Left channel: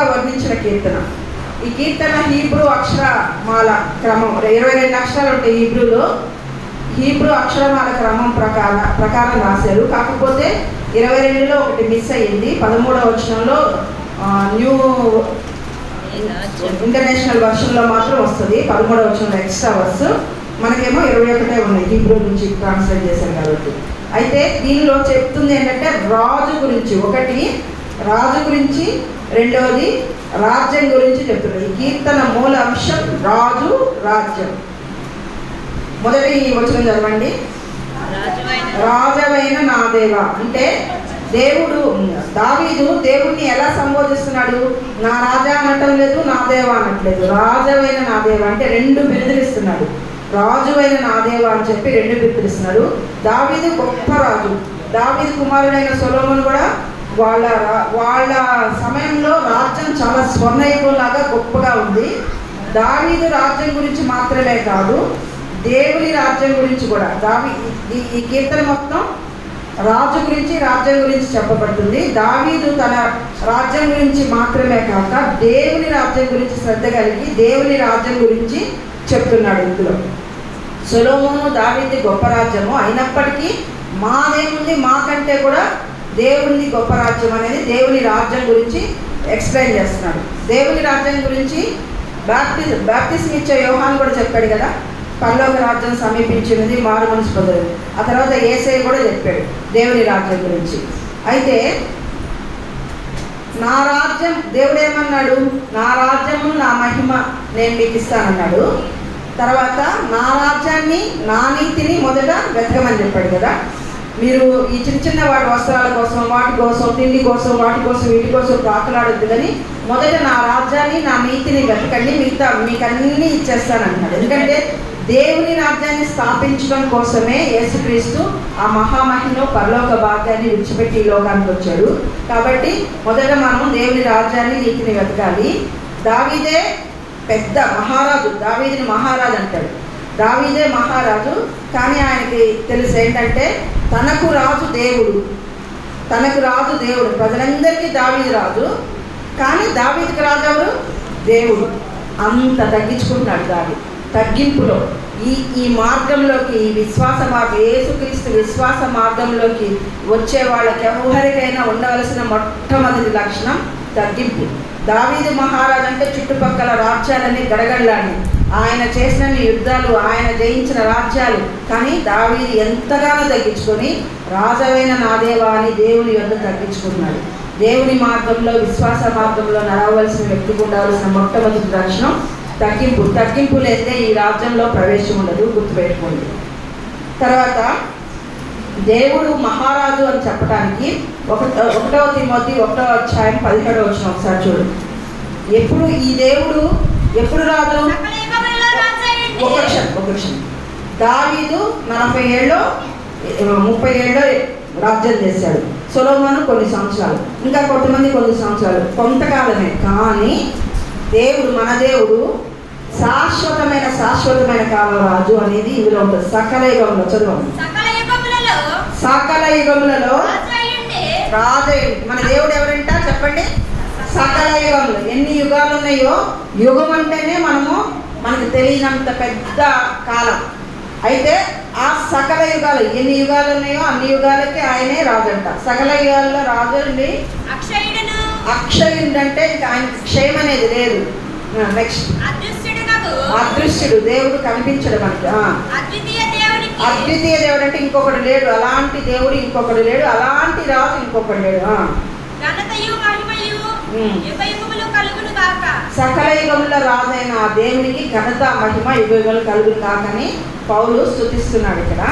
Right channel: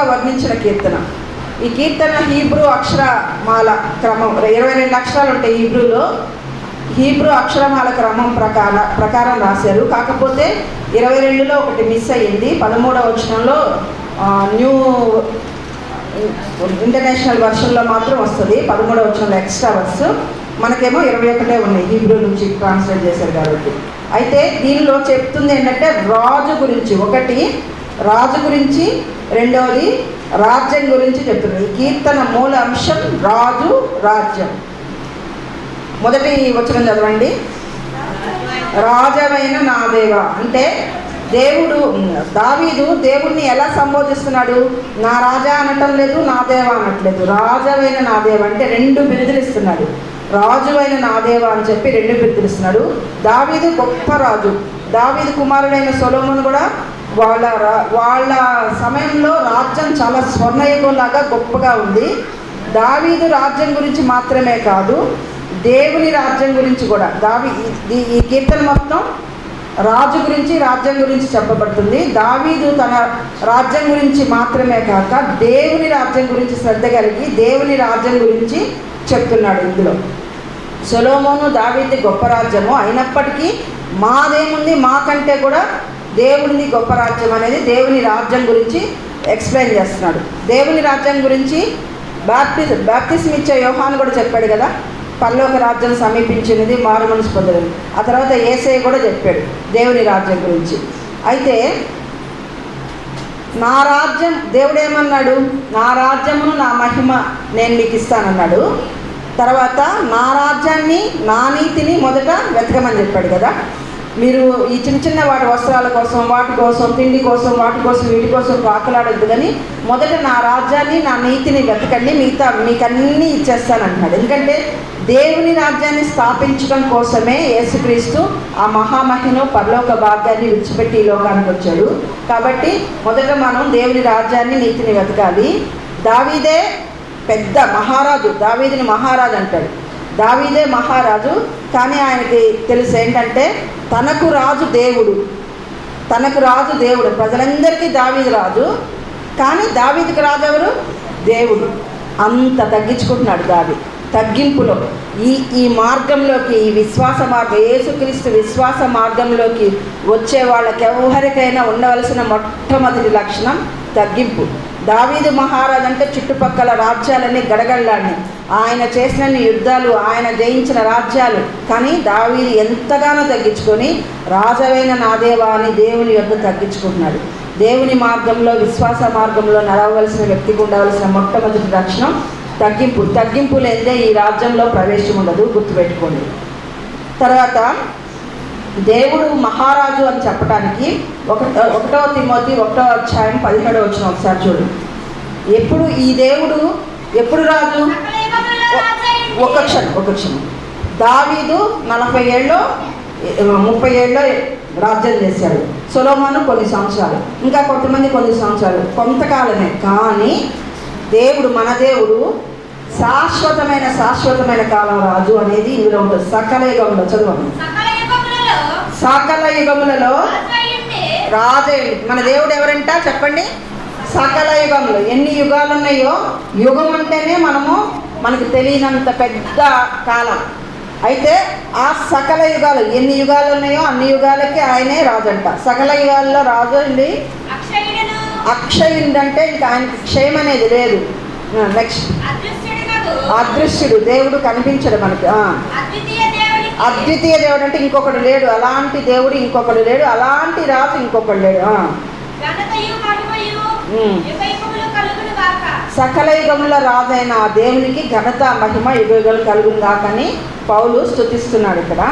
గొప్పగా వర్ణించిన కీర్తన. ఈ కీర్తన హీబ్రూ అక్షరమాల క్రమం 22 అక్షరాలు ఉంటాయి హీబ్రూలో. హీబ్రూ అక్షరమాల క్రమం ప్రకారం రాశారు. కాకపోతే 22లో ఒకటి మిస్ అయ్యింది. 13వ వచనంలో న్యూ ఇంటర్నేషనల్ వర్షన్లో మాత్రం వస్తుంది 13వ వచనంలో ఎక్స్ట్రా వర్స్. మనకేమో 21 ఉన్నాయి హీబ్రూ నుంచి ట్రాన్స్లేట్ చేశారు కాబట్టి. అయితే దీనిలో చెప్తుంది ఏంటంటే రాజు గురించి, ఒకటి రాజు గురించి, రెండవది రాజ్యం గురించి చెప్తున్నారు. ఈ కీర్తన మూల అంశం రాజు, రాజ్యం. మొదటి వచనం చదవండి. రాజవైన నా దేవా అంటే దావీదు దేవుణ్ణి ఎలా సంబోధిస్తున్నాడు? నా రాజా అనటం లేదు, నా దేవా అనట్లేదు. రాజవైన నా దేవా అంటే 2 బిరుదులు ఇస్తున్నాడు. రాజువైన నా దేవా అని చెప్పి 2 బిరుదులు ఇస్తున్నాడు. దావీదు గొప్ప రాజు. దావీదు కుమారుడైన సొలొమోను కూడా వాళ్ళ సమయంలో రాజ్యం చాలా స్వర్ణయుగంలాగా గొప్పగా ఉంది. దావీదు రాజ్యం గురించి మాత్రమే కాదు, దేవుని రాజ్యం గురించి కూడా. ఈ కీర్తన మొత్తం రాజు గురించి, రాజ్యం గురించి చెప్పబడుతుంది. దావీదు తన రాజ్యం గురించి మాత్రమే కాక దేవుని రాజ్యం గురించి శ్రద్ధ కలిగి దేవుని రాజ్యం గురించి చెప్తున్నాడు. ఇందులో సొలొమోను దావీదు గొప్ప రాజ్యము అయినప్పటికీ మాదేముంది, మాకంటే కూడా దేవుని గొప్ప రాజ్యం అనేది దేవుని రాజ్యం గురించి ఎక్స్ప్లెయిన్ చేస్తున్నాడు. దేవుని రాజ్యం గురించి బాప్తిస్మ ఇచ్చే యోహాను కూడా చెప్పాడు కదా, పరలోక రాజ్యం సమీపించినది, మారు మనసు పొందలేదు. ఆ తర్వాత యేసయ్య కూడా చెప్పాడు దేవుని రాజ్యం గురించి. అయితే నా రాజ్యం, దేవుడు ఏమన్నాడు? నా రాజ్యము నా మహిమ నేను మీకు ఇస్తానన్నాడు. తర్వాత నా రాజ్యాన్ని, నా నీతిని మొదట వెతకమని చెప్పాడు కదా. మీరు ఈ చిన్న వాటి వస్త్రాల కోసం, వాటి కోసం, తిండి కోసం, వాటి కోసం, వీటి కోసం పాకలాడొద్దు, కానీ మొదట నా రాజ్యాన్ని, నా నీతిని వెతకండి, మిగతా మీకు అన్నీ ఇచ్చేస్తానంటున్నాడు. ఎందుకంటే దేవుని రాజ్యాన్ని స్థాపించడం కోసమే యేసుక్రీస్తు ఆ మహామహిమ పరలోక భాగ్యాన్ని విడిచిపెట్టి ఈ లోకానికి వచ్చాడు. కాబట్టి మొదట మనం దేవుని రాజ్యాన్ని, నీతిని వెతకాలి. దావీదే పెద్ద మహారాజు, దావీదుని మహారాజు అంటాడు. దావీదే మహారాజు, కానీ ఆయనకి తెలుసు ఏంటంటే తనకు రాజు దేవుడు, ప్రజలందరికీ దావీదు రాజు, కానీ దావీదుకి రాజు ఎవరు? దేవుడు. అంత తగ్గించుకుంటున్నాడు దావీదు. తగ్గింపులో ఈ మార్గంలోకి, ఈ విశ్వాస మార్గం, యేసుక్రీస్తు విశ్వాస మార్గంలోకి వచ్చే వాళ్ళకి ఎవరికైనా ఉండవలసిన మొట్టమొదటి లక్షణం తగ్గింపు. దావీదు మహారాజు అంటే చుట్టుపక్కల రాజ్యాలన్నీ గడగడలాడినాయి, ఆయన చేసిన యుద్ధాలు, ఆయన జయించిన రాజ్యాలు. కానీ దావీదు ఎంతగానో తగ్గించుకొని రాజవైన నా దేవా అని దేవుని యొద్ద తగ్గించుకుంటున్నాడు. దేవుని మార్గంలో, విశ్వాస మార్గంలో నడవలసిన వ్యక్తికి ఉండవలసిన మొట్టమొదటి లక్షణం తగ్గింపు లేదే ఈ రాజ్యంలో ప్రవేశం ఉండదు, గుర్తుపెట్టుకోండి. తర్వాత దేవుడు మహారాజు అని చెప్పడానికి 1 తిమోతి 1వ అధ్యాయం 17వ వచనం ఒకసారి చూడండి. ఎప్పుడు ఈ దేవుడు ఎప్పుడు రాజు? ఒక క్షణం. దావీదు 40 ఏళ్ళు 30 ఏళ్ళు రాజ్యం చేశాడు. సొలొమోను కొన్ని సంవత్సరాలు, ఇంకా కొంతమంది కొన్ని సంవత్సరాలు, కొంతకాలమే. కానీ మన దేవుడు శాశ్వతమైన కాలం రాజు అనేది ఇందులో ఉంటుంది. సకల యుగంలో చదవండి. సకల యుగములలో రాజయ్య మన దేవుడు ఎవరంట చెప్పండి? సకల యుగంలో. ఎన్ని యుగాలు ఉన్నాయో, యుగం అంటేనే మనకు తెలియనంత పెద్ద కాలం. అయితే ఆ సకల యుగాలు ఎన్ని యుగాలు ఉన్నాయో అన్ని యుగాలకి ఆయనే రాజంట. సకల యుగాల్లో రాజు అండి అక్షయుడు అంటే ఇంకా ఆయనకి క్షయం అనేది లేదు. నెక్స్ట్ అదృశ్యుడు, దేవుడు కనిపించడు మనకి. అద్వితీయ దేవుడు అంటే ఇంకొకడు లేడు, అలాంటి దేవుడు ఇంకొకడు లేడు, అలాంటి రాజు ఇంకొకడు లేడు. సకల యుగముల రాజైన ఆ దేవునికి ఘనత, మహిమ యుగములు కలుగును కాకని పౌలు స్తుతిస్తున్నాడు ఇక్కడ.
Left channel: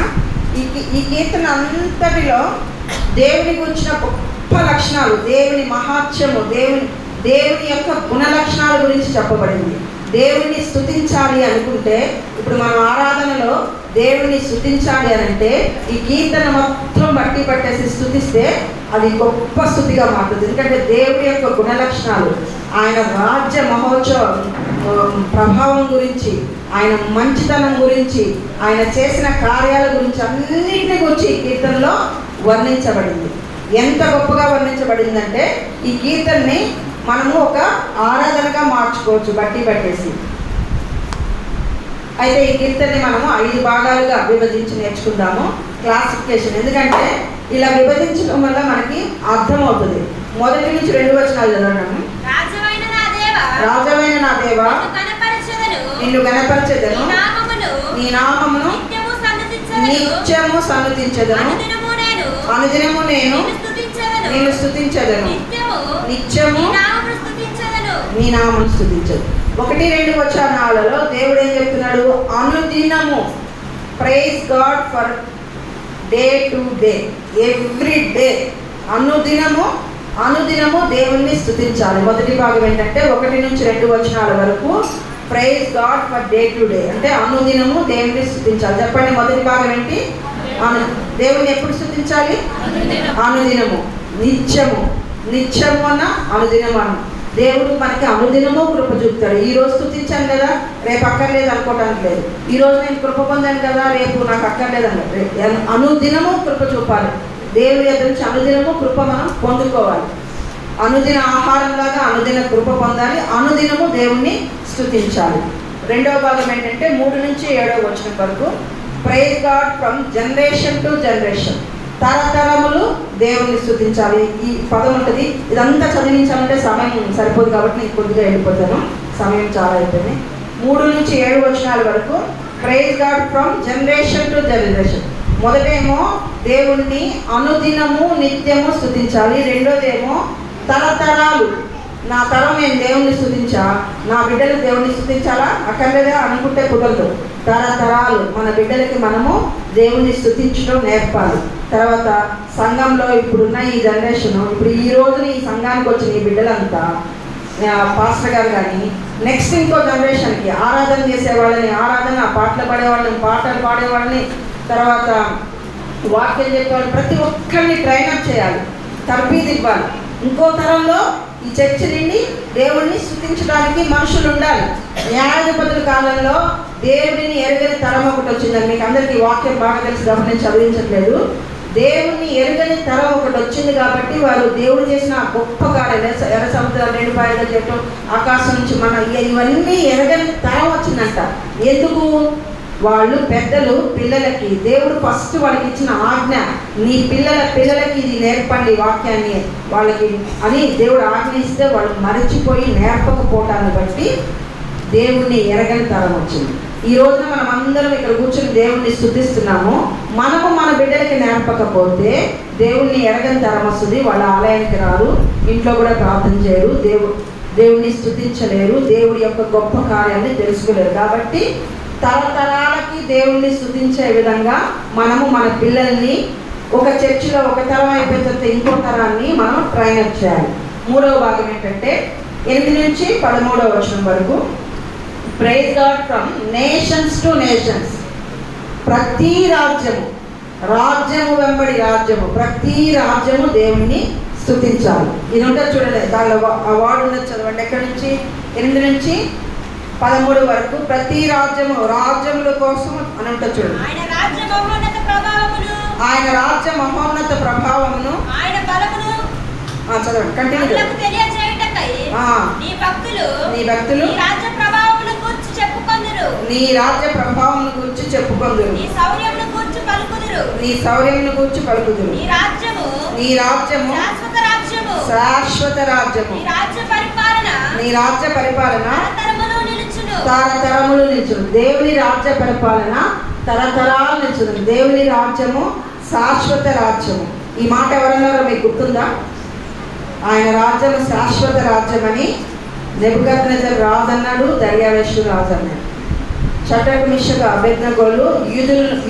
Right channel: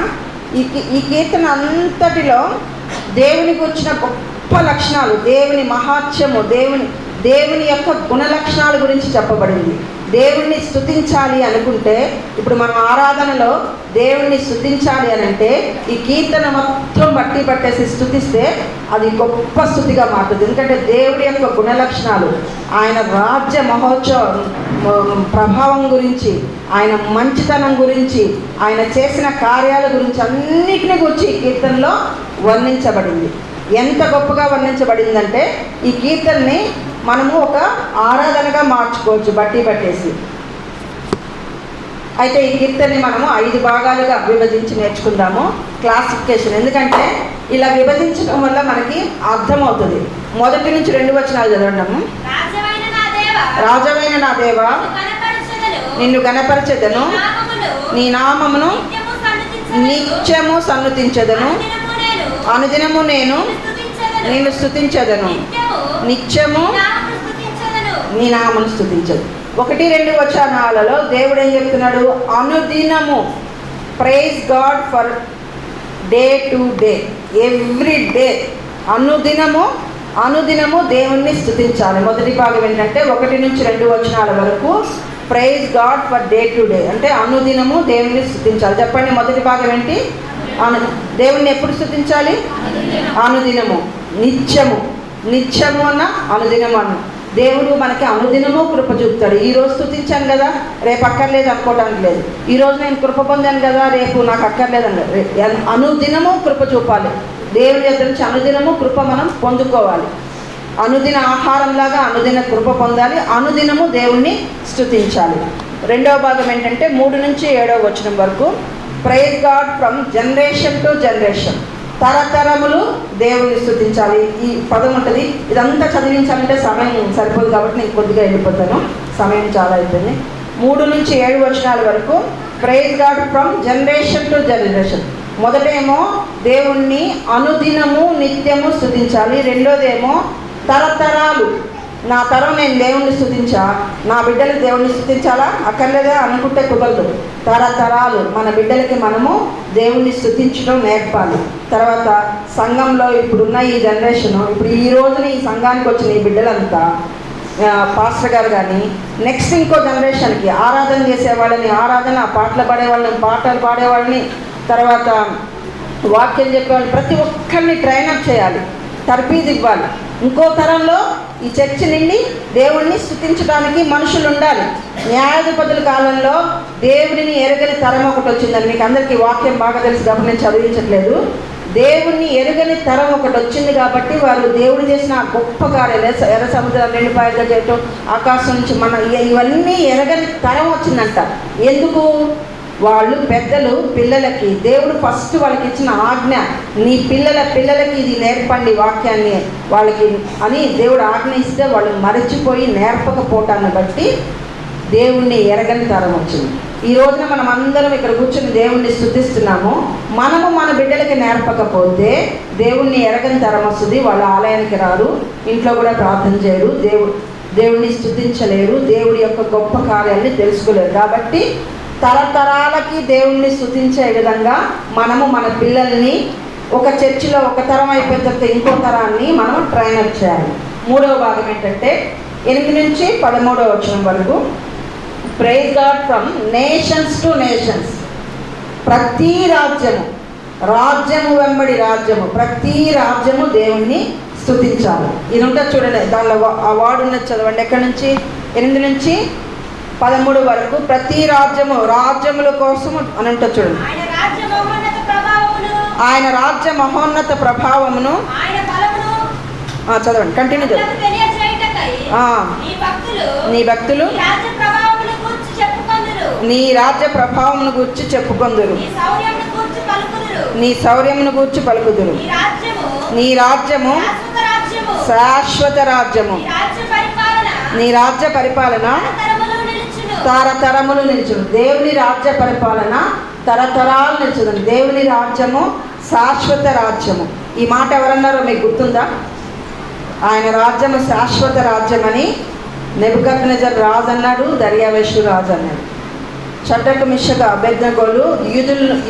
ఈ కీర్తన అంతటిలో దేవుని గురించిన గొప్ప లక్షణాలు, దేవుని మహాత్మ్యము, దేవుని యొక్క గుణ లక్షణాల గురించి చెప్పబడింది. దేవుణ్ణి స్తుతించాలి అనుకుంటే, ఇప్పుడు మన ఆరాధనలో దేవుణ్ణి స్తుతించాలి అని అంటే ఈ కీర్తన మొత్తం బట్టి పట్టేసి స్తుతిస్తే అది గొప్ప స్తుతిగా మారుతుంది. ఎందుకంటే దేవుడి యొక్క గుణ లక్షణాలు, ఆయన రాజ్య మహోత్సవం ప్రభావం గురించి, ఆయన మంచితనం గురించి, ఆయన చేసిన కార్యాల గురించి అన్నిటిని గురించి ఈ కీర్తనలో వర్ణించబడింది. ఎంత గొప్పగా వర్ణించబడిందంటే ఈ కీర్తనని మనము ఒక ఆరాధనగా మార్చుకోవచ్చు పట్టేసి. అయితే ఈ కీర్తనని మనము 5 భాగాలుగా విభజించి నేర్చుకుందాము. క్లాసిఫికేషన్, ఎందుకంటే ఇలా విభజించడం వల్ల మనకి అర్థమవుతుంది. 1 నుంచి 2 వచనాలు చదవడము. రాజవైన నా దేవా, నిన్ను గణపరచెదను, నీ నామమును నిత్యము సన్నుతించెదను, అనుదినము నేను నిన్ను స్తుతించెదను, నిత్యము నీ నామమును స్తుతించెదను. 1-2 వచనాలలో దేవుడు ఏం చెప్తున్నాడు? అనుదినము. Praise God for day to day, every day. అనుదినము దేవుణ్ణి స్తుతించాలి. మొదటి భాగం ఏంటంటే 1 నుంచి 2 వచనాల వరకు praise God for day to day, అంటే అనుదినము దేవుణ్ణి స్తుతించాలి. చెప్పండి, మొదటి భాగం ఏంటి? దేవుణ్ణి ఎప్పుడు స్తుతించాలి? అనుదినము. నిత్యము అన్న అనుదినము అన్న. దేవుడు మనకి అనుదినము కృప చూపుతాడు. ఈరోజు స్తుతించాను కదా, రేపు అక్కర్లేదు అనుకోవడానికి లేదు. ఈరోజు నేను కృప పొందాను కదా, రేపు నాకు అక్కర్లేదు అని అనుదినము కృప చూపాలి. దేవుని దగ్గర నుంచి అనుదినము కృప మనం పొందుకోవాలి. అనుదిన ఆహారంలాగా అనుదిన కృప పొందాలి. అనుదినము దేవుణ్ణి స్తుతించాలి. 2వ భాగం ఏంటంటే 3 నుంచి 7వ వచనం వరకు praise God from generation to generation. తరతరములు దేవుణ్ణి స్తుతించాలి. ఈ పదం ఉంటుంది. ఇదంతా చదివించాలంటే సమయం సరిపోదు కాబట్టి నేను కొద్దిగా వెళ్ళిపోతాను, సమయం చాలా అయిపోయింది. 3 నుంచి 7 వచనాల వరకు praise God from generation to generation. మొదటేమో దేవుణ్ణి అనుదినము నిత్యము స్తుతించాలి. రెండోదేమో తరతరాలు. నా తరం నేను దేవుణ్ణి స్తుతించా, నా బిడ్డలు దేవుణ్ణి స్తుతించాలా? అక్కర్లేదా అనుకుంటే కుదరదు. తరతరాలు మన బిడ్డలకి మనము దేవుణ్ణి స్తుతించడం నేర్పాలి. తర్వాత సంఘంలో ఇప్పుడున్న ఈ జనరేషను, ఇప్పుడు ఈ రోజున ఈ సంఘానికి వచ్చిన ఈ బిడ్డలంతా పాస్టర్ గారు కానీ నెక్స్ట్ ఇంకో జనరేషన్కి ఆరాధన చేసేవాళ్ళని ఆరాధన, పాటలు పాడేవాళ్ళని పాటలు పాడేవాళ్ళని, తర్వాత వాక్యం చెప్పేవాళ్ళు, ప్రతి ఒక్కరిని ట్రైనప్ చేయాలి, తర్బీదు ఇవ్వాలి. ఇంకో తరంలో ఈ చర్చ నుండి దేవుణ్ణి స్తుతించడానికి మనుషులు ఉండాలి. న్యాయాధిపతుల కాలంలో దేవుడిని ఎరగని తరం ఒకటి వచ్చిందని మీకు అందరికీ వాక్యం బాగా తెలిసి గమనించి చదివించట్లేదు. దేవుణ్ణి ఎరుగని తరం ఒకటి వచ్చింది కాబట్టి వారు దేవుడు చేసిన గొప్ప కార్యాలు, ఎర్ర సముద్రాలు 2 పాయలుగా చేయటం, ఆకాశం నుంచి ఇవన్నీ ఎరగని తరం వచ్చిందంట. ఎందుకు? వాళ్ళు పెద్దలు పిల్లలకి, దేవుడు ఫస్ట్ వాళ్ళకి ఇచ్చిన ఆజ్ఞ, నీ పిల్లలకి ఇది నేర్పండి వాక్యాన్ని వాళ్ళకి అని దేవుడు ఆజ్ఞ ఇస్తే వాళ్ళు మరచిపోయి నేర్పకపోవటాన్ని బట్టి దేవుణ్ణి ఎరగని తరం వచ్చింది. ఈ రోజున మనం అందరం ఇక్కడ కూర్చొని దేవుణ్ణి స్తుతిస్తున్నాము. మనము మన బిడ్డలకి నేర్పకపోతే దేవుణ్ణి ఎరగని తరం వస్తుంది. వాళ్ళ ఆలయానికి రారు, ఇంట్లో కూడా ప్రార్థన చేయరు, దేవుణ్ణి స్తుతించలేరు, దేవుడి యొక్క గొప్ప కార్యాన్ని తెలుసుకోలేరు. కాబట్టి తరతరాలకి దేవుణ్ణి స్తుతించే విధంగా మనము మన పిల్లల్ని ఒక చర్చిలో ఒక తరం అయిపోయిన తర్వాత ఇంకో తరాన్ని మనం ట్రైనప్ చేయాలి. 3వ భాగం ఏంటంటే 8 నుంచి 13వ వచనం వరకు praise God from nations to nations. ప్రతి రాజ్యము వెంబడి రాజ్యము, ప్రతి రాజ్యము దేవుణ్ణి స్తుతించాలి. ఇది ఉంటుంది చూడండి, దానిలో ఆ వార్డు ఉన్నది చదవండి. ఎక్కడి నుంచి? 8 నుంచి 13 వరకు ప్రతి రాజ్యముల కోసము అని ఉంటుంది చూడండి. ఆయన రాజ్య మహోన్నత ప్రభావమును చదవండి, కంటిన్యూ చదవండి. నీ భక్తులు నీ రాజ్య ప్రభావమును గూర్చి చెప్పుకొందురు, నీ శౌర్యమును గూర్చి పలుకుదురు. నీ రాజ్యము శాశ్వత రాజ్యము, నీ రాజ్య పరిపాలన తరతరములు నిలుచును. దేవుని రాజ్య పరిపాలన తరతరాలు నిలుచును. దేవుని రాజ్యము శాశ్వత రాజ్యము. ఈ మాట ఎవరన్నారో మీకు గుర్తుందా? ఆయన రాజ్యము శాశ్వత రాజ్యమని నెబుకద్నెజర్ రాజు అన్నాడు, దర్యావేషు రాజు అన్నాడు. షడ్రకు మిషకు అబేద్నెగోలు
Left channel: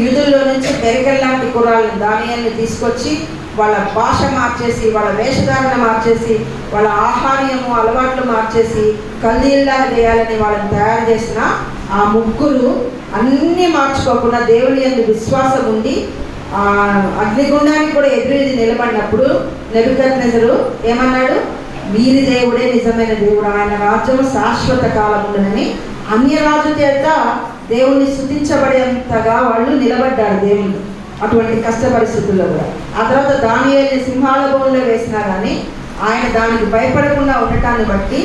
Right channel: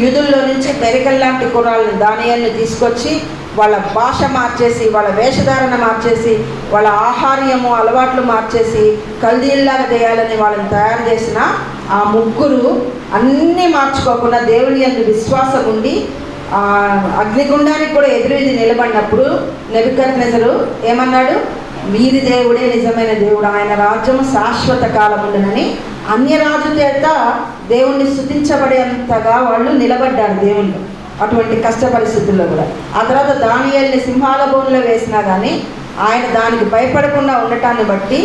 యూదుల్లో నుంచి మెరికల్ లాంటి కుర్రాళ్ళని, దానియేలుని తీసుకొచ్చి వాళ్ళ భాష మార్చేసి, వాళ్ళ వేషధారణ మార్చేసి, వాళ్ళ ఆహార్యము అలవాట్లు మార్చేసి కల్దీల్లాగా చేయాలని వాళ్ళని తయారు చేసిన ఆ ముగ్గురు అన్నీ మార్చుకోకుండా దేవుని యందు విశ్వాసం ఉండి అగ్నిగుండానికి కూడా ఎదురీది నిలబడినప్పుడు నెబుకద్నెజరు ఏమన్నాడు? వీరి దేవుడే నిజమైన దేవుడు, ఆయన రాజ్యము శాశ్వత కాలం ఉండునని అన్యరాజు చేత దేవుణ్ణి స్తుతించబడేంతగా వాళ్ళు నిలబడ్డారు దేవుళ్ళు అటువంటి కష్ట పరిస్థితుల్లో కూడా. ఆ తర్వాత దానియేలుని సింహాల బోన్లో వేసినా కానీ ఆయన దానికి భయపడకుండా ఉండటాన్ని బట్టి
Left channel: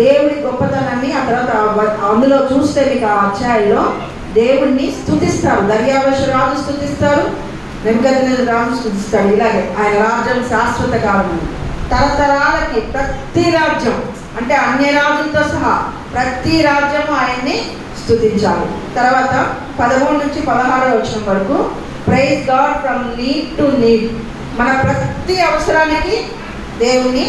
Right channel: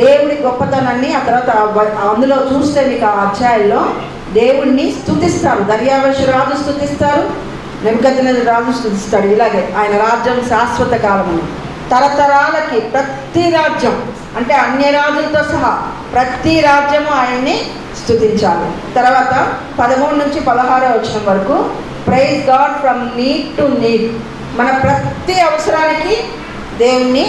దేవుడి గొప్పతనాన్ని ఆ తర్వాత అందులో చూస్తే మీకు ఆ అధ్యాయంలో దేవుడిని స్తుతిస్తారు. దర్యావేషు రాజు స్తుతిస్తారు, నెబుకద్నెజరు రాజు స్తుతిస్తాడు. ఇలాగే ఆయన రాజ్యం శాశ్వత కాలము, తరతరాలకి ప్రతి రాజ్యం అంటే అన్య రాజులతో సహా ప్రతి రాజ్యము ఆయన్ని స్తుతించాలి. తర్వాత 13 నుంచి 16 వచనం వరకు praise God from need to need. మన ప్రతి అవసరానికి దేవుణ్ణి,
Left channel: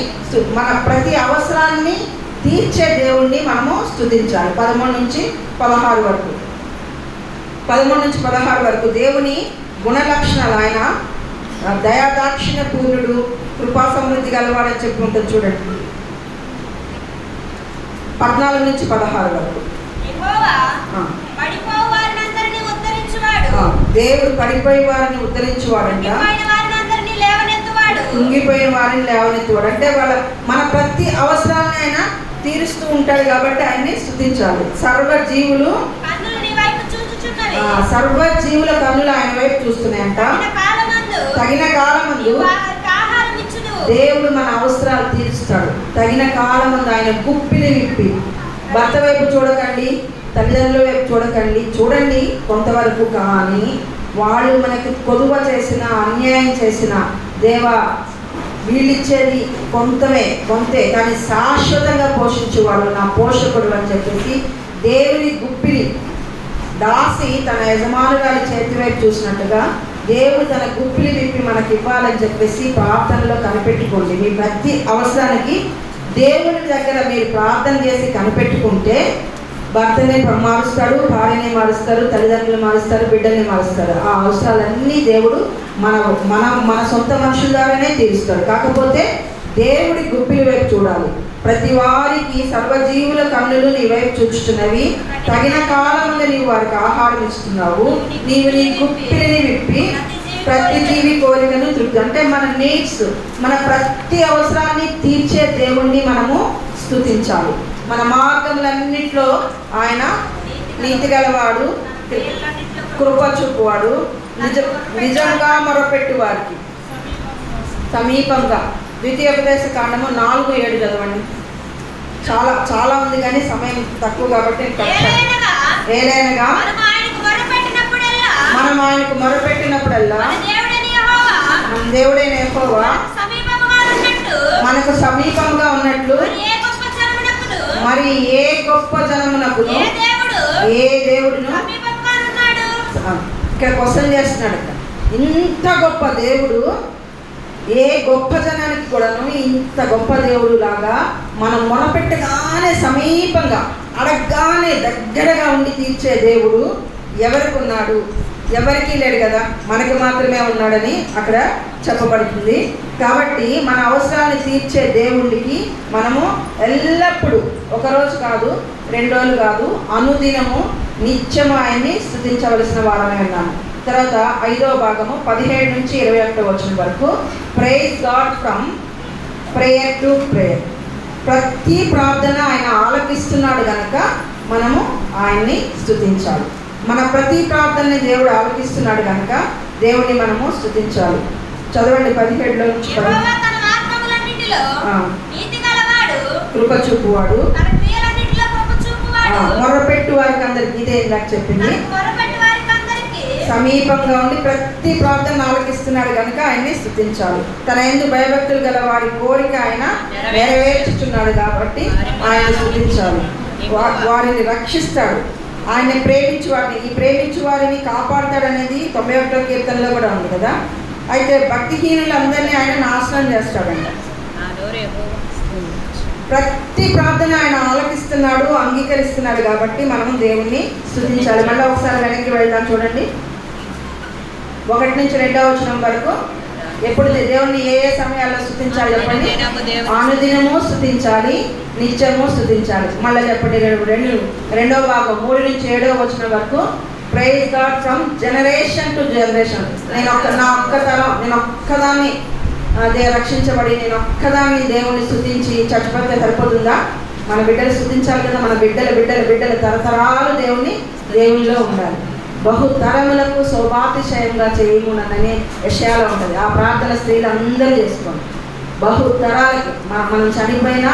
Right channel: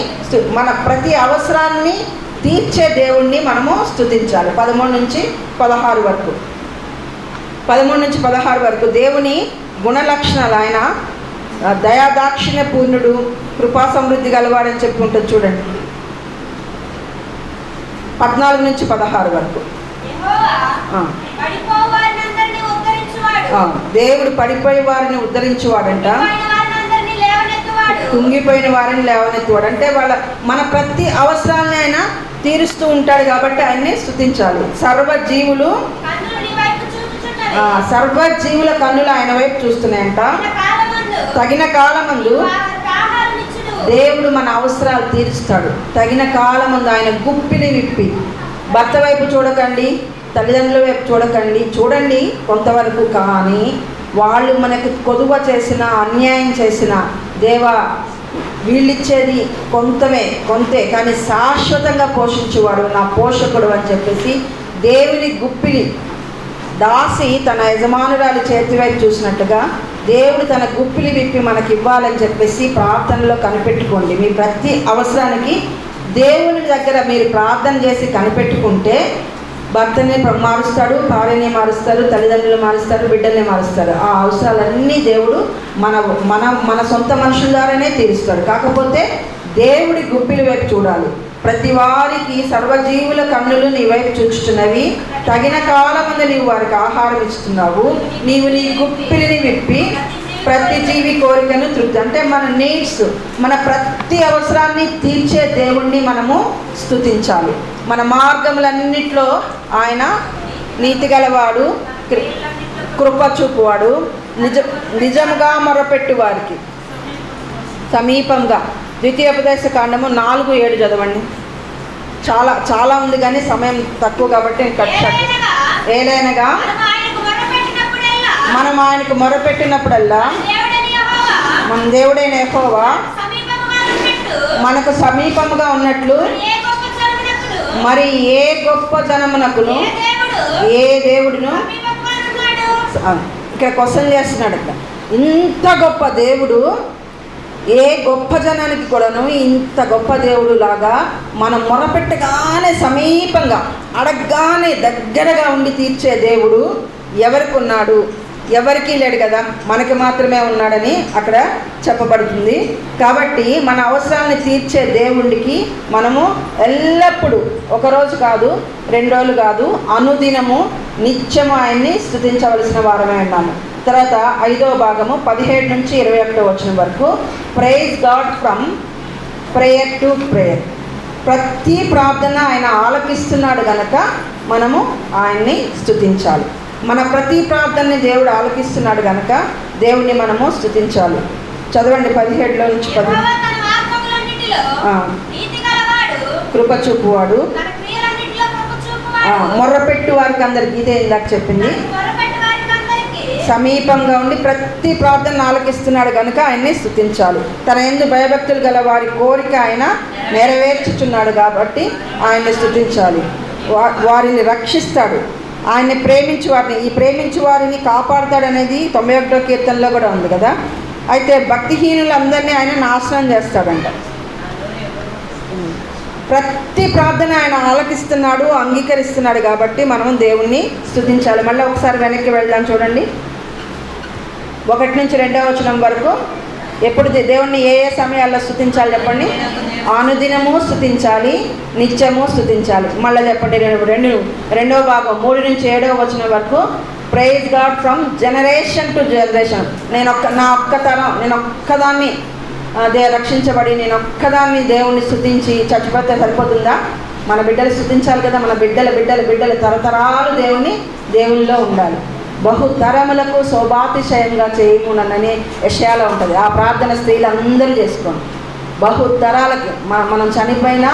మన ప్రతి అవసరాన్ని తీర్చే దేవుణ్ణి మనము స్తుతించాలి. 13 నుంచి 16 వరకు 13 నుంచి 16 వరకు దేవుని గుణలక్షణాలు. ఆయన దయాదాక్షిణ్య పూర్ణుడు, కృపా సమృద్ధి గలవాడని చెప్పుకుంటుంది. చూడండి 14 నుంచి 16 వరకు. దేవుడు పడిపోయే వారిని ఉద్ధరించేవాడంట, కుంగిపోయిన వారిని లేవనెత్తువాడు. అంటే మన ప్రతి అవసరాన్ని ఆయన తీరుస్తూ ఉంటాడు కాబట్టి ఆయన్ని స్తుతించాలి. సర్వజీవుల కన్నులు ఆయన వైపు చూస్తున్నాయంట. తగిన కాలమందు దేవుడు మన అవసరాలు తీరుస్తాడు. తగిన కాలమందు ఆయన గుప్పిని విప్పి, భర్త వైపు చూడకండి, తల్లిదండ్రుల వైపు చూడకండి, చూడండి కొంతవరకు, కానీ వాళ్ళు మనకు కొదువ చేసిన, అన్యాయం చేసిన, దేవా వీళ్ళిచ్చేది కొంతే కానీ శాశ్వతంగా పోషించేవాడు నా పోషకుడు అని చెప్పేసి దేవుని గుప్పిని, దాసి తన యజమానురాలి చేతి వైపు చూసినట్టుగా దేవుడు తన గుప్పిని విప్పి మనకి ఇవ్వాలని చెప్పేసి ప్రార్థనలో కనిపెట్టుకోండి. మీ ప్రతి అవసరానికి దేవుని దగ్గర మీరు ప్రార్థన చేసి కనిపెట్టుకుంటే భర్తని మారుస్తాడు, భార్యని మారుస్తారు, తల్లిదండ్రులు మారుస్తారు, బిడ్డల్ని మారుస్తారు. ఆ అవసరాలన్నీ దేవుడు మన సొంత మనుషుల ద్వారానే తీరుస్తాడు. కాకపోతే దేవుడి గుప్పిలి వైపు చూడాలి. ప్రతి వారికి సర్వజీవుల కన్నులు నీ వైపు చూచుతున్నవి, తగిన కాలముందు నీవు వారికి ఆహారం ఇస్తున్నావు, నీవు నీ గుప్పిలిని విప్పి ప్రతి జీవి కోరికను తృప్తి. అంటే మన నీడ్స్, మన ప్రతి అవసరాన్ని తీర్చే దేవుణ్ణి మనము స్తుతించాలి. మన మార్గములన్నిట్లో ఆయన నీతి గలవాడు, కృప చూపువాడు, నిజముగా మొరపెట్టు వారికి సమీపంగా. ద్వితీయోపదేశ కాండము 4:7 చదవండి. చాలా ఉంది కానీ సమయం తక్కువ కాబట్టి ఏలైనగా మనం ఆయనకు మొరపెట్టినప్పుడల్లా మన దేవుడైన యెహోవా మనకు సమీపంగా ఉన్నట్లు మరి ఏ గొప్ప జనమునకును ఏ దేవుడును. ఇక్కడ క్వశ్చన్ చేస్తున్నాడు. ఇంత గొప్ప దేవుడు ఏ గొప్ప జనానికి కూడాను ఇంత గొప్ప దేవుడు లాగా మనం మొరపెట్టగానే సమీపంగా, అడగగానే దగ్గరగా ఉండి తీర్చే దేవుడు ఎవరికి ఉన్నాడు? ఎవరికీ లేడు కదా, మనకి మాత్రమే ఉన్నాడని అక్కడ చెప్పబడుతుంది. కాబట్టి మన అవసరాన్ని తీర్చే దేవుడికి మనము ఎల్లప్పుడూ, ఒకరోజు కాదు, 2 రోజులు కాదు, అనుదినము నిత్యము ఆయన్ని స్తుతించవలసిన వారమై ఉన్నాము. తర్వాత 5వ భాగము 17 నుంచి 21 వచనం వరకు praise God from prayer to prayer. ప్రతి ప్రార్థన ఆయన ఆలకిస్తున్నాడు కనుక మనము ఆయన్ని స్తుతించాలి. మన ప్రతి ప్రార్థనని దేవుడు ఆలకిస్తున్నాడు కనుక దేవుడిని మనము స్తుతించాలి. చదవండి 17 నుంచి 10. కృప చూపువాడు, మొరపెట్టు వారికి అందరికి, ఇదే ఇందాక చెప్పింది, సమీపంగా ఉండి ప్రతి ప్రార్థన ఆలకిస్తున్నాడు కనుక ఆయన్ని స్తుతించాలి. తన యందు భయభక్తులు గల వారి కోరిక ఆయన నెరవేర్చుచున్నాడు కాబట్టి ఆయన్ని స్తుతించాలి. వారిని రక్షిస్తాడు, ఆయన్ని ప్రేమించు వారిని కాపాడుతాడనేది 91వ కీర్తనలో కూడా ఉంది కదా. అయితే భక్తిహీనులందరినీ ఆయన నాశనం చేస్తాడంట. ప్రతి ప్రార్థన ఆయన ఆలకిస్తున్నాడు, అంగీకరిస్తున్నాడు కాబట్టి మనం దేవుణ్ణి స్తుతించాలి. మళ్ళీ ఒకసారి వెనక్కి వెళ్దాం చూడండి. 1 నుంచి 2వ వచనం వరకు ఎప్పుడు దేవుణ్ణి ఏ సమయాల్లో స్తుతించాలి చెప్పండి? అనుదినము స్తుతించాలి, నిత్యము స్తుతించాలి. మళ్ళీ చెప్పండి 2వ భాగం 3 నుంచి 7వ వచనం వరకు praise God from generation to generation. నేను ఒక్కదాన్ని రక్షించబడి నేను ఒక్కదాన్ని దేవుణ్ణి స్తుతించి చచ్చిపోతే సరిపోతుందా? మన బిడ్డలు స్తుతించాలి కదా. మన బిడ్డలు తరతరాలు దేవునిలో ఉండాలి. బహుతరములకు శోభాతిశయంగా చేయమునని యెషయాలో ఉంటుంది. ఆ ప్రార్థన స్త్రీలు అందరూ చేసుకోండి. బహుతరాలకి మనం చనిపోయినా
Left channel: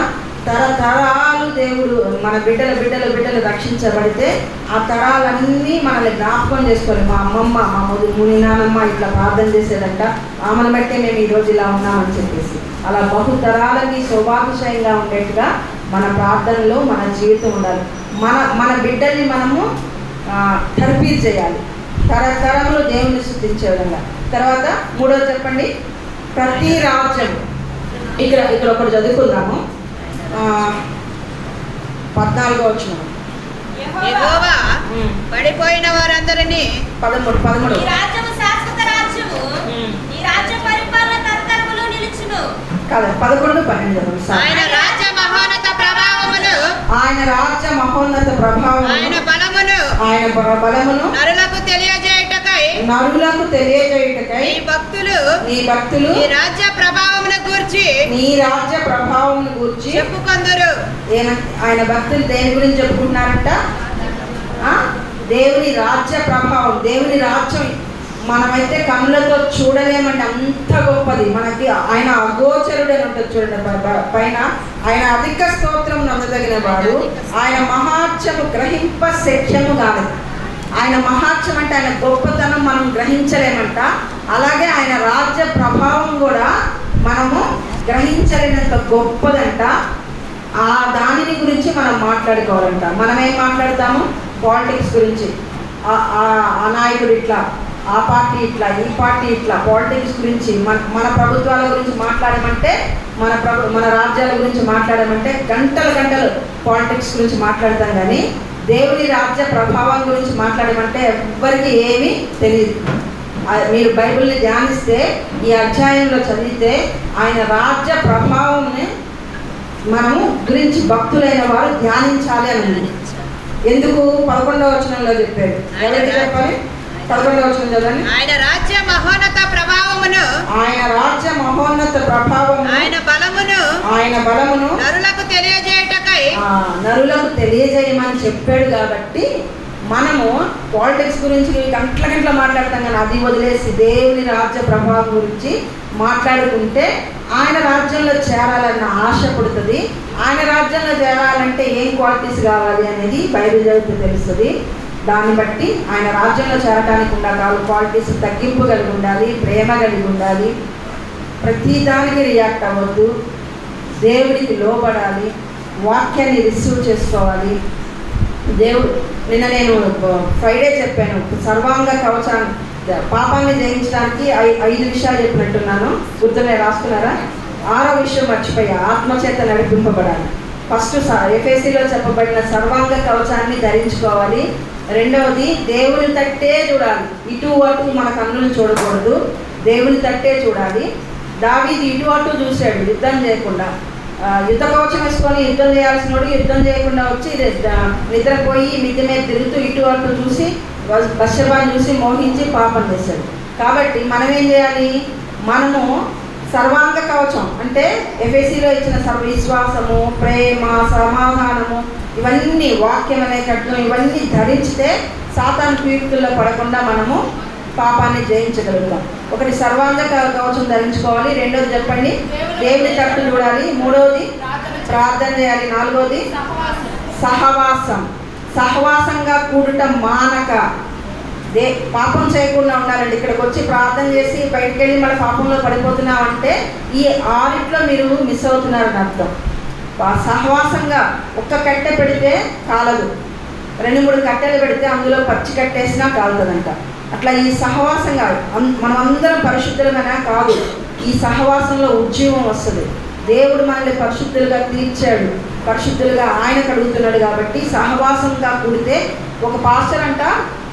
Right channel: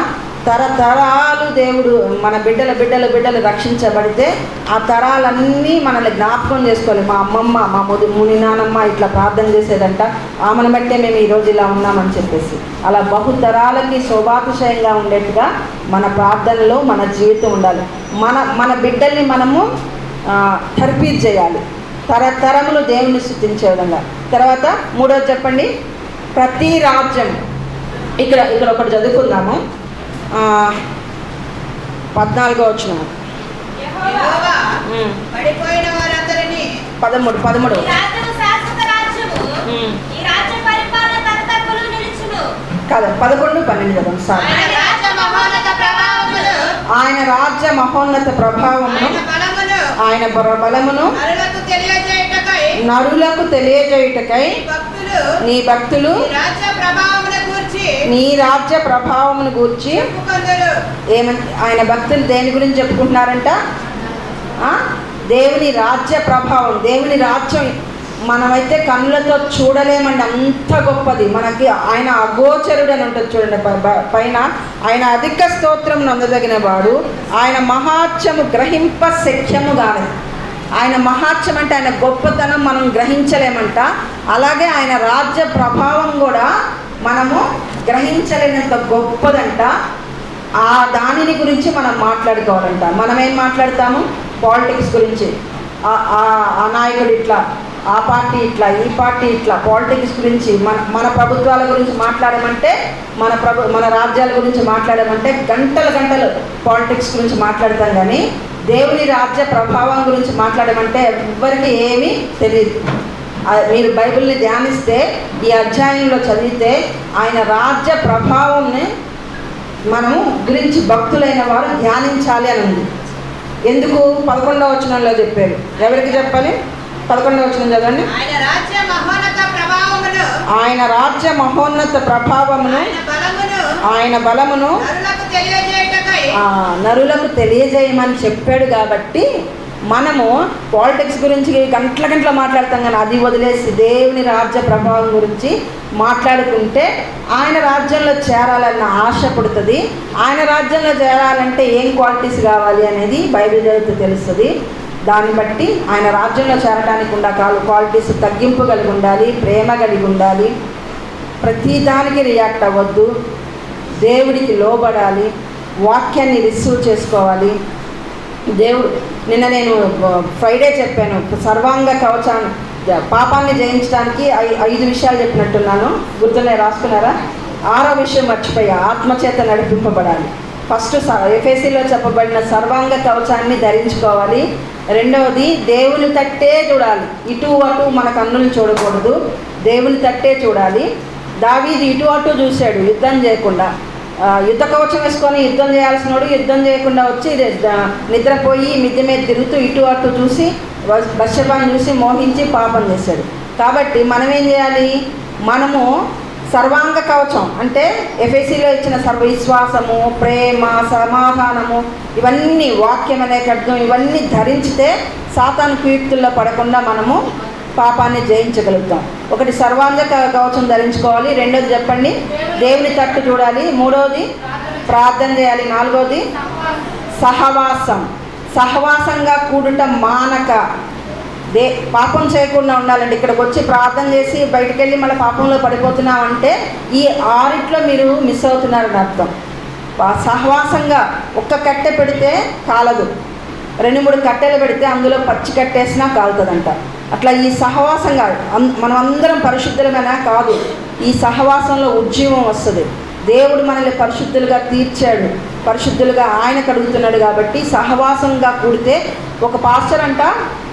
తరతరాలు దేవుడు మన బిడ్డలు రక్షించబడితే ఆ తరాలన్నీ మనల్ని జ్ఞాపకం చేసుకోవాలి. మా అమ్మమ్మ, మా ముని నానమ్మ ఇట్లా ప్రార్థన చేసేదంట, ఆమెను బట్టే మేము ఈరోజు ఇలా ఉన్నామని చెప్పేసి, అలా బహుతరాలకి శోభాతిశయంగా ఉండేట్టుగా మన ప్రార్థనలో మన జీవితం ఉండాలి. మన బిడ్డల్ని మనము తర్ఫీదు చేయాలి, తరతరములు దేవుని స్తుతించే విధంగా. తర్వాత మూడోది చెప్పండి, ప్రతి రాజ్యం. ఇక్కడ ఒకటి చదువుకుందాము, 14వ వచనం. పడిపోయిన వారందరినీ 13 కాదు 11, 12 చదవండి. ఆయన రాజ్య మహోన్నత ప్రభావమును ఆయన బలమును నరులకు తెలియజేయుటకై నీ భక్తులు నీ రాజ్య ప్రభావమును గూర్చి ఆయన భక్తులు దేని గురించి చెప్పుకుంటున్నారంట? దేవుని రాజ్య ప్రభావం, దేవుని రాజ్యం మనమైతే కన్నులతో చూడలేమండి, అంత గొప్పది. మనకి ఆయన అగోచరుడని ఉంటుంది చూడండి పైన, ఆయన అధిక స్తోత్రం నందదగిన వాడు, ఆయన మహాత్యము గ్రహింప శక్యము కాదు. ఆయన మహాత్యం అంటే ఆయన గొప్పతనం మనం గ్రహించలేమంట. అలాగే ఆయన రాజ్య ప్రభావం కూడా మనము గ్రహించలేనంత గొప్పదంట. ఆ దానిని గురించి మనం మాట్లాడుకోవాలంట. మనం ఏం మాట్లాడతాము? పాలిటిక్స్ గురించి, ఆ నాయకుడు ఇట్లా, ఆ పార్టీ ఇట్లా, ఈ పార్టీ ఇట్లా, పాలిటిక్స్ గురించి మన ప్రభుత్వాల గురించి మాట్లాడమంటే, మన రాజ్యాల గురించి మాట్లాడమంటే గంటలు పాలిటిక్స్ గురించి మాట్లాడతాం. కానీ దేవుని రాజ్య ప్రభావం గురించి మాట్లాడమంటే ఎవ్వరికి ఏమీ తెలియదు. మీరు బైబిల్ని ధ్యానిస్తే, ఈ అధ్యాయంలో చదివితే ఆయన రాజ్య ప్రభావంని మనము గురించి భక్తులైన వారు ధ్యానించాలి అని ఉంది. ఎందుకు? 11వ వచనంలో చెప్పారు. ఎవరికి చెప్పాలి? 11వ వచనం చదవండి. ఆయన రాజ్య మహోన్నత ప్రభావమును ఆయన బలమును నరులకు తెలియజేయమని చెప్పాడు. కాబట్టి మనము పాలిటిక్స్ గురించి గంటల మాట్లాడతాం, కానీ అది వదిలేసి దేవుని రాజ్య ప్రభావం గురించి మాట్లాడుకుంటే ఆయన రాజ్యంలో చేరాలన్న ఆశ పుడుతుంది. ఆయన రాజ్యంలో చేరాలంటే ఏం క్వాలిటీస్ కావాలి అనేది బైబిల్ చదివితే తెలుస్తుంది. దాన్ని బట్టి ఆయన రాజ్యంలో చేరడానికి ఉన్న క్వాలిటీస్ తగ్గింపు కలిగి ఉండాలి, ప్రేమ కలిగి ఉండాలి, ప్రతి దానికి రియాక్ట్ అవ్వద్దు, దేవుడికి లోబడాలి, వాక్యాన్ని రిసీవ్ చేసుకోవాలి. నిన్న నేను ఫ్రైడే చెప్పాను, సర్వాంగ కవచాన్ని, పాపాన్ని జయించడానికి 5 విషయాలు చెప్పినట్టున్నాను, గుర్తునే రాసుకున్నారా? 6వ విషయం మర్చిపోయా, ఆత్మచేత నడిపింపబడాలి. ఫస్ట్ ఎఫెసీలో చెప్పబడిన సర్వాంగ కవచాన్ని ధరించుకోవాలి. రెండవది దేవుని తట్టే చూడాలి, ఇటు అటు మన కన్నులు చూడకూడదు, దేవుని తట్టే చూడాలి. దావీదు ఇటు అటు చూశాడు యుద్ధం చేయకుండా. యుద్ధ కవచం వేసుకొని యుద్ధం చేయాల్సిన వాడు యుద్ధం చేయకుండా వచ్చి నిద్రపోయి మిద్దె మీద తిరుగుతూ ఇటు అటు చూసి బత్షెబాను చూసి మోహించి పాపం చేశాడు. కాబట్టి మనం ఏం చేయాలి? మనము సర్వాంగ కవచం అంటే ఎఫెసీలో ఇచ్చిన విశ్వాసము, ప్రేమ, సమాధానము, ఇవన్నీ వాక్యం అనే ఖడ్గం, ఇవన్నీ ధరించితే సాతాను కుయుక్తుల్లో పడకుండా మనము పాపాన్ని జయించగలుగుతాం. ఒకటి సర్వాంగ కవచం ధరించుకోవాలి. రెండోది చెప్పండి, దేవుని తట్టు చూడాలి. మూడవది ప్రార్థన చేయాలి. నాలుగవది సహవాసంగా కూడుట మానక పాపం చేయకుండా ఉండాలండి. ఇక్కడికి వచ్చి ప్రార్థన చేసి బయటకు వెళ్ళి మన పాపంలో పడిపోతున్నామంటే ఈ 6 మీరు మిస్ అవుతున్నారని అర్థం. సహవాసంగా ఒక్క కట్టె పెడితే కాలదు, 2-3 కట్టెలు పెడితే అందులో పచ్చి కట్టేసినా కాలుతుందంట. అట్లా ఈ సహవాసంగా మనం అందరం పరిశుద్ధులుగానే కాదు, ఈ సహవాసంలో ఉజ్జీవం వస్తుంది. దేవుడు మనల్ని పరిశుద్ధులుగా తీర్చాడు, పరిశుద్ధులుగా ఆయన కడుగుతున్నాడు. కాబట్టి సహవాసంగా కూడితే, ఒక పాస్టర్ అంట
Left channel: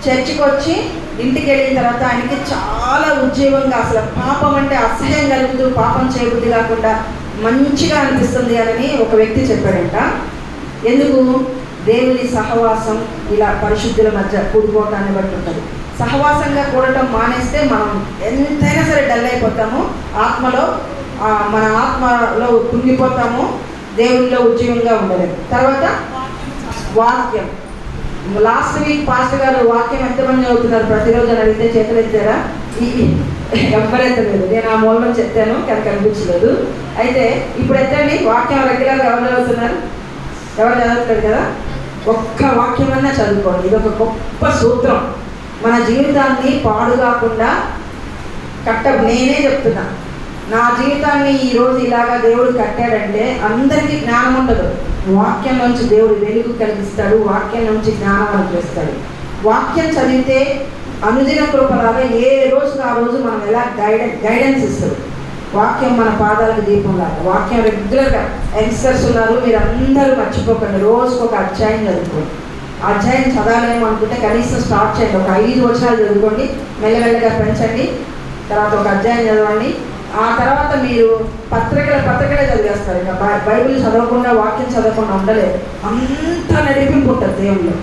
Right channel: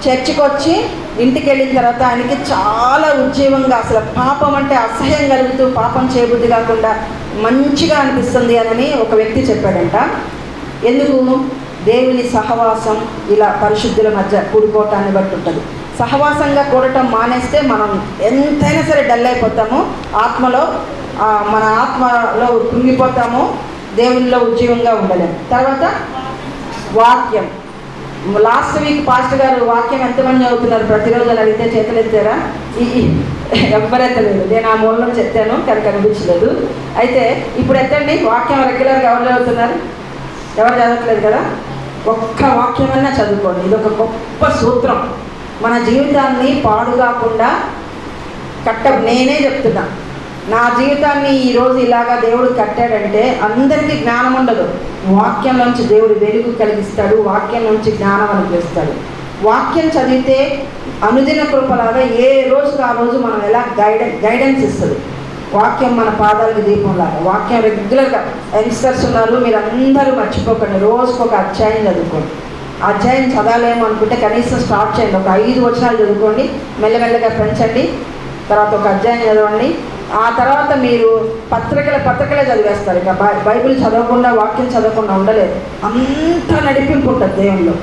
చర్చికి వచ్చి ఇంటికి వెళ్ళిన తర్వాత ఆయనకి చాలా ఉజ్జీవంగా, అసలు పాపం అంటే అసహ్యం కలుగుతూ పాపం చేయబుద్ధి కాకుండా మంచిగా అనిపిస్తుంది అని ఒక వ్యక్తి చెప్పాడంట. ఎందుకు? దేవుని సహవాసం ఇలా పరిశుద్ధుల మధ్య కూడిపోవటాన్ని బట్టి ఉంటుంది. సహవాసంగా కూడటం మానేస్తే మనం ఎంతైనా సరే డల్ అయిపోతాము, ఆత్మలో మన ఆత్మలో కుంగిపోతాము, దేవునిలో ఉజ్జీవంగా ఉండలేము. తర్వాత వాక్యం. లాస్ట్ వీక్ పాస్టర్ గారు వాక్యం ఎంతమంది చదువుతున్నారు ప్రతిరోజు అని అడిగితే చేతులు ఎత్తారా? ఎవ్వరు ఎత్తలేదు. నేను ఆ మూలలో చెప్తాను కానీ కనిపించలేదు. అయితే ఇప్పుడు ఎత్తండి. వాక్యం రెగ్యులర్గా ఎవరు చదువుతున్నారు? ఎవరు చదవట్లేదు కదా. ఒక్క వాక్యమన్నా చదువుకోండి. ఇది ఒక గొప్ప సూత్రం. మన జీవితాన్ని పాడు కాకుండా నేనే చెప్తున్నా, నా జీవితాన్ని ఈరోజు ఇలాగా దేవుడు కట్టాడంటే అందరికీ జ్ఞానం ఉండదు. వాక్యం నుంచి దేవుడు వెలుగు కలిగిస్తాడు, వాక్యం నుంచి జ్ఞానం అనుగ్రహిస్తాడు. వాక్యం చదివితే అనుదిన కృపలాగా ఏ రోజుకి ఆ రోజు మనం ఎలా గైడెన్స్ ఇస్తుంది. వాక్యం మన పాదాలకు దీపంలాగా. వాక్యం రెగ్యులర్గా యంగ్స్టర్స్ ఉన్నారు, మీరు అందరూ మర్చిపోకండి, రోజుకు ఒక అధ్యాయం చదువుకోండి. అధ్యాయం చదవలేము అనుకుంటే కనీసం స్టార్ట్ చేయండి. ఒక 5 వచనాలు చదువుకోండి, మెల్లమెల్లగా పెంచండి. తర్వాత ఒక అధ్యాయం చదవండి. ఆ తర్వాత మీరు పత్రికలే చదివేస్తారు. ఇక బైబిల్ చదవకుండా, వాక్యం చదవకుండా ఉండలేదు. అంత నడిపింపు ఉంటుంది దేవుళ్ళు.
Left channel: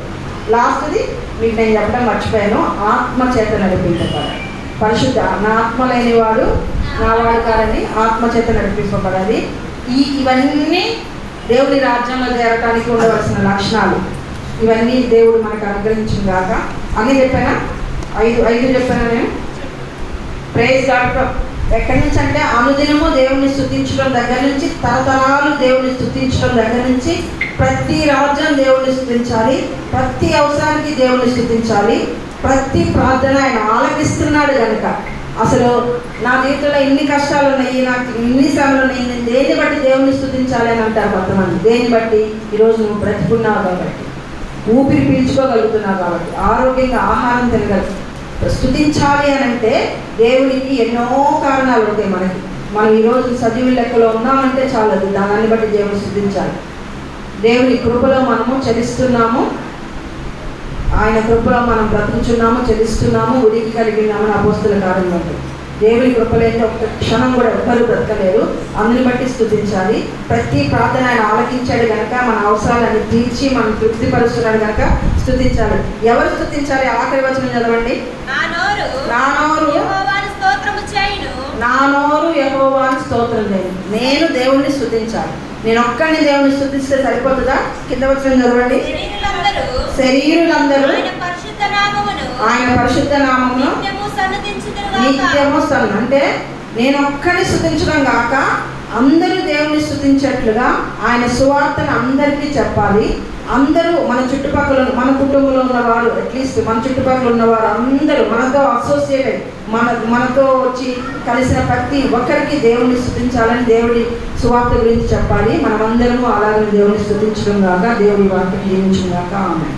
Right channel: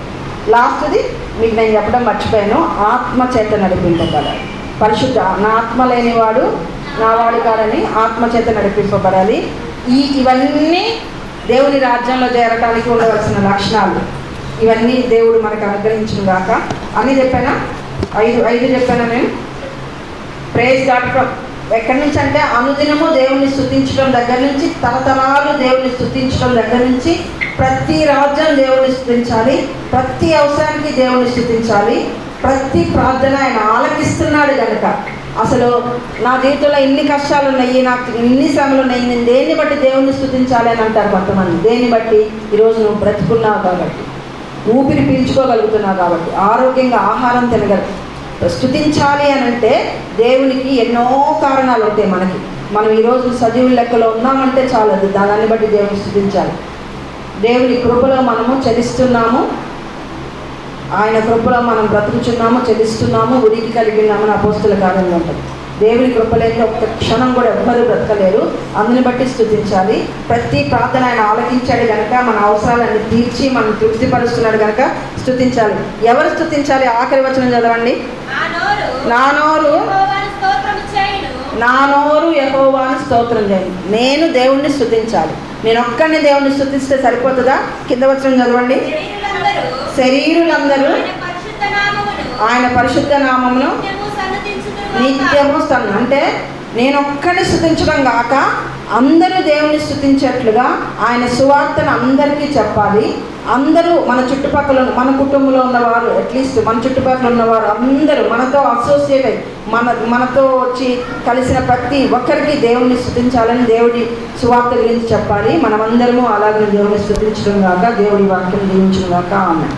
లాస్ట్ది మీకు నేను చెప్పడం మర్చిపోయాను, ఆత్మ చేత నడిపింపబడాలి. పరిశుద్ధ, నా ఆత్మ లేనివాడు నా వాడు కాదని ఆత్మ చేత నడిపింపబడాలి. ఇవన్నీ దేవుని రాజ్యంలో చేరటానికి ఉండవలసిన లక్షణాలు. ఇవన్నీ దేవుడు మనకు అనుగ్రహించిన గాక. అని చెప్పానా? 5 చెప్పానా నేను? Praise God. ఎక్కడి నుంచి అంటే అనుదినము దేవుని స్తుతించడం దగ్గర నుంచి, తరతరాలు దేవుని స్తుతించడం దగ్గర నుంచి, ప్రతి రాజ్యం దేవుని స్తుతించాలి, ప్రతి అవసరానికి దేవుని స్తుతించాలి, ప్రతి ప్రార్థన ఆయన ఆలకిస్తున్నాడు కనుక. అసలు నా జీవితంలో ఇన్ని కష్టాలు ఉన్నాయి, నాకు ఇన్ని శ్రమలు ఉన్నాయి, నేను దేన్ని బట్టి దేవుని స్తుతించాలి అని అంటారు కొంతమంది. దేన్ని బట్టి? ఈరోజు నువ్వు బ్రతుకున్నావు కాబట్టి, ఊపిరి పీల్చుకోగలుగుతున్నావు కాబట్టి, ఆరోగ్యంగా ఆహారం తినగలుగుతావు. స్తుతించాలి అని అంటే దేవునికి ఎన్నో కారణాలు ఉంటాయి. మనం ఈరోజు సజీవుల లెక్కలో ఉన్నామంటే చాలదు, దాన్ని బట్టి దేవుని స్తుతించాలి. దేవుని కృపలో మనము చలిస్తున్నాము, ఆయన కృపలో మనం బ్రతుకుచున్నాము, చలిస్తున్నాము, ఉనికి కలిగి ఉన్నామని అపోస్తుల కార్యంలో ఉంటుంది. దేవుని కృపలేని ఒక్క క్షణం కూడా ఎవ్వరూ బ్రతకలేరు. అందుని బట్టి స్తుతించాలి. ప్రతి ప్రార్థన ఆయన ఆలకించాడు కనుక, మన అవసరాలన్నీ తీర్చి మనం తృప్తిపరుస్తున్నాడు కనుక స్తుతించాలి. ఎవరు స్తుతించాలి? ఆఖరి వచనం చదవండి. నా నోరు యెహోవాను స్తోత్రం చేయను. నేను దేవుణ్ణి స్తుతించాలి. నేను ఒక్కడిని దేవుణ్ణి స్తుతిస్తే సరిపోతుందా? కింద వచనం చదవండి. శరీరులందరూ ఆయన పరిశుద్ధ నామమును నిత్యము అంటే నేను ఒక్కడిని స్తుతించడం కాక అందరూ దేవుని స్తుతించేట్లుగా ఆయన సువార్తను అందరికీ చెప్పాలి. అందరూ మన చుట్టుపక్కల, మన కుటుంబంలో ఉన్నవారు, అట్లీస్ట్ మన చుట్టుపక్కల ఉన్నవారు అందరూ మనతో అసోసియేట్ అయ్యి మనతో వచ్చి కలిసిన ప్రతి ఒక్కరికి దేవుణ్ణి స్తుతించాలని, దేవుడి సువార్త గురించి చెప్పాలి. మనమందరము అలాగే దేవుని స్తుతించడం కాక, దేవుడి వాక్యం జీవించడం కాక. ఆమె